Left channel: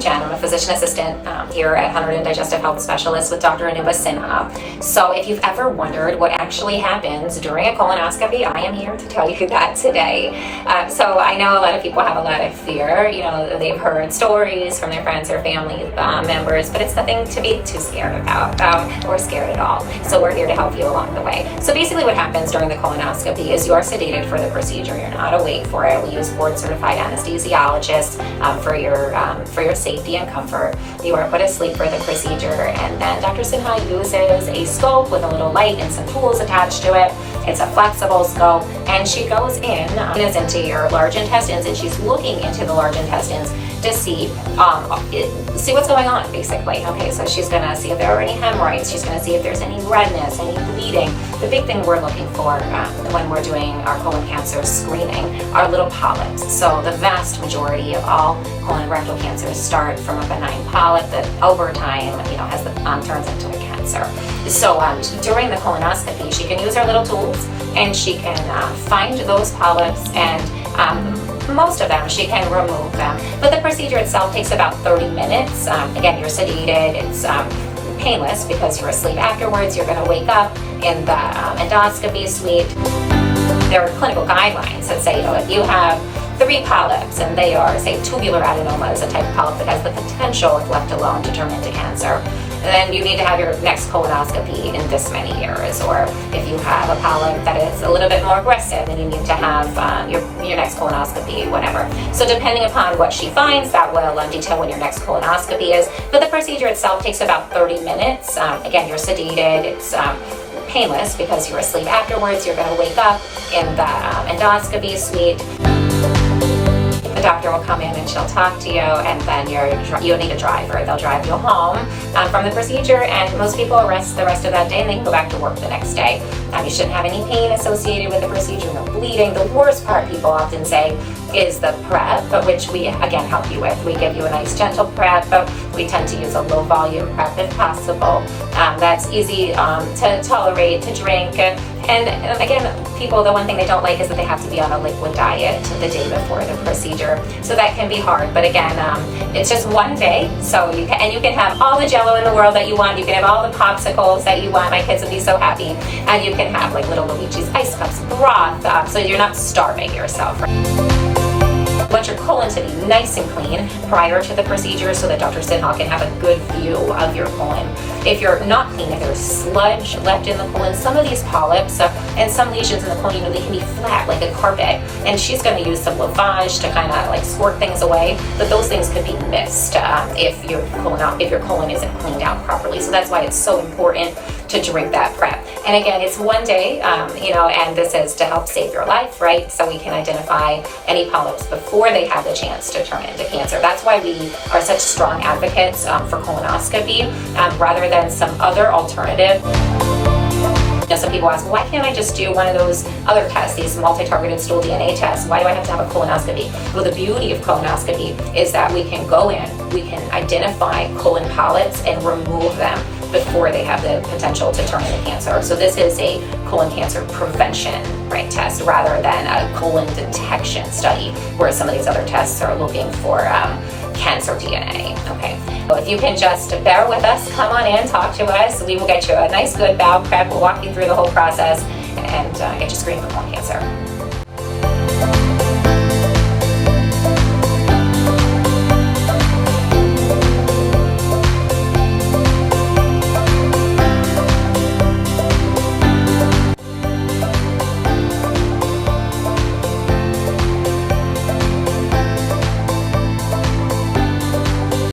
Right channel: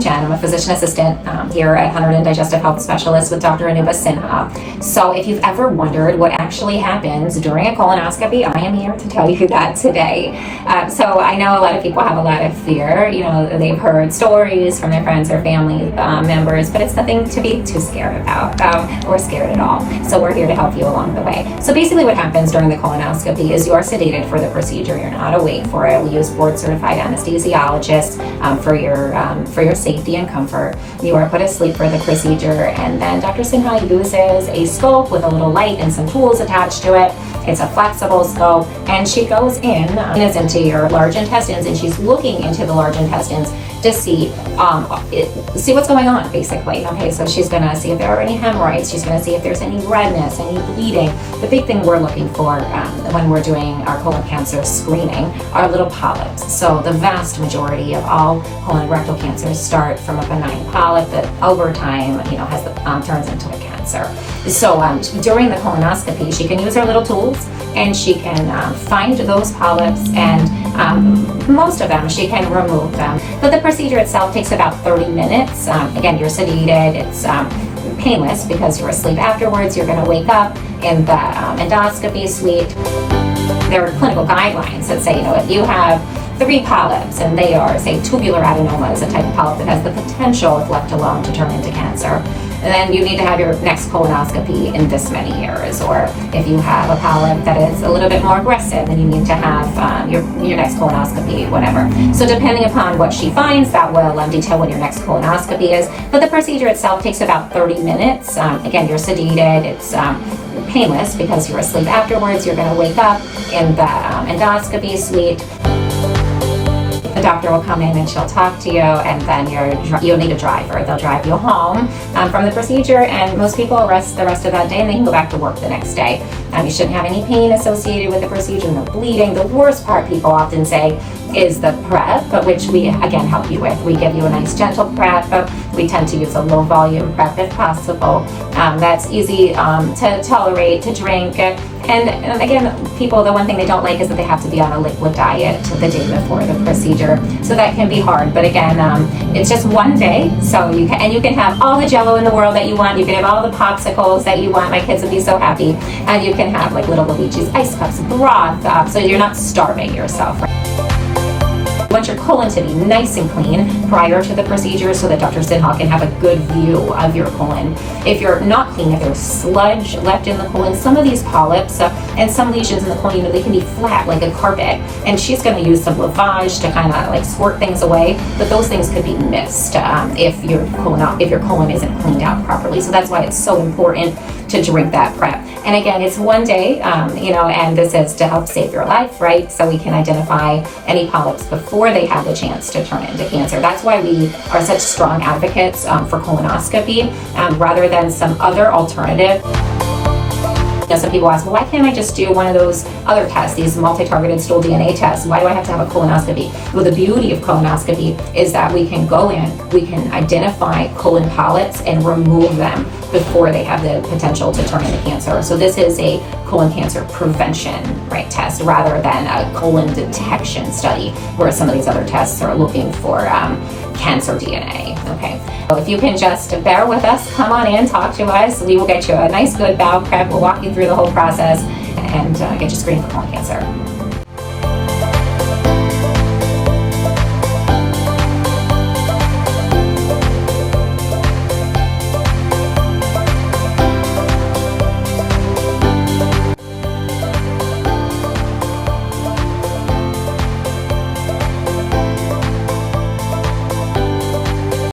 I'm Jen. I'm a physician assistant here at Hunter and Digestive Health Specialist with Dr. Anuba Sinha. So if you've ever wondered what actually happens during a colonoscopy, I am here to tell you that today. So I know a lot of people have a lot of fear. You know, they've heard stories from their friends or family members, but it's nothing to be too scared about or scared at all. So we're here to help you along the way. So basically what happens during the colonoscopy is you are sedated for the procedure. You're not awake for it. We use board-certified anesthesiologists for your safety and comfort. You are put asleep for the procedure, and then Dr. Sinha uses a scope with a little light and some tools attached to it. It's a flexible scope, and she goes into your large intestines, and she's looking into the large intestines to see what's going on, basically. Okay, so she's going to see if there are any hemorrhoids. She's going to see if there's any redness, any bleeding. The big thing we're looking for when we're doing our colon cancer screening are little polyps. So the vast majority of all colon rectal cancers start from a benign polyp that over time, turns into a cancer. So during the colonoscopy, she can use her little tools and she can find those polyps, and most of them she can remove them. But the procedure itself takes about 30 minutes. Again, you're sedated. It's painless because you're asleep afterwards. You're going to wake up in the endoscopy suite. There are clinical guidelines that say, if you have 3 polyps and they are, say, tubular adenoma is a type of polyp that has the potential, if left alone, to turn into cancer, then you need to have your next colonoscopy in this many years. Or if you have a polyp that is a little bit more aggressive, then you need to have your next colonoscopy, whatever. So depending upon what she finds, that will detail when your next colonoscopy is. But the procedure itself takes about 30 minutes. Again, you're sedated. It's painless because you're asleep afterwards. You're going to wake up in the endoscopy suite. The doctor will come in and she'll talk to you, and then you'll need a driver. They'll drive you home from the procedure, and most people rest the rest of that day and they can go back to work the next day. You shouldn't have any pain associated with the procedure, no bleeding. The worst part, people often say, is the prep, which we again help you with. We give you a nice gentle prep. We tend to use a low volume prep if possible. That's easy to tolerate, to drink. And again, people, the one thing they don't like is that they have to be on a liquid diet the day before the procedure. So that can be hard. But again, it's just one day. So you can have all the Jello in the world that you want. You can have all the popsicles that you want. My kids would be so happy. And you can have like little Luigi's ice cups, broth, so you're not starving yourself. You want your colon to be nice and clean prior to the procedure so that Dr. Sinha can have a good view of your colon. If you're not clean, if there's sludge left in the colon, some of these polyps and some lesions in the colon, they can be flat like a carpet, and she's going to use some lavage to kind of like squirt things away, but those things could be missed if your colon isn't cleaned out properly. So that's why it's so important to drink that prep. And again, it's one day, and this is to help save your life, right? So we can identify any polyps before they have the chance to turn into cancer. That's why we are such strong advocates for colonoscopy rather than some other alternative. Some people ask, well, why can't I just do one of those other tests, these multi-targeted stool DNA tests? Why do I have to have a colonoscopy? Well, the beauty of colonoscopy is that we can go in, we can identify colon polyps and remove them before they have the potential to turn into cancer. So this is a colon cancer prevention test rather than a colon detection study where some of these other tests are looking for cancer DNA. Okay. If you can just bear with us, come on in, talk to us. We will get you a nice, good bowel prep. We'll walk you through the whole process and get you screened for colon cancer.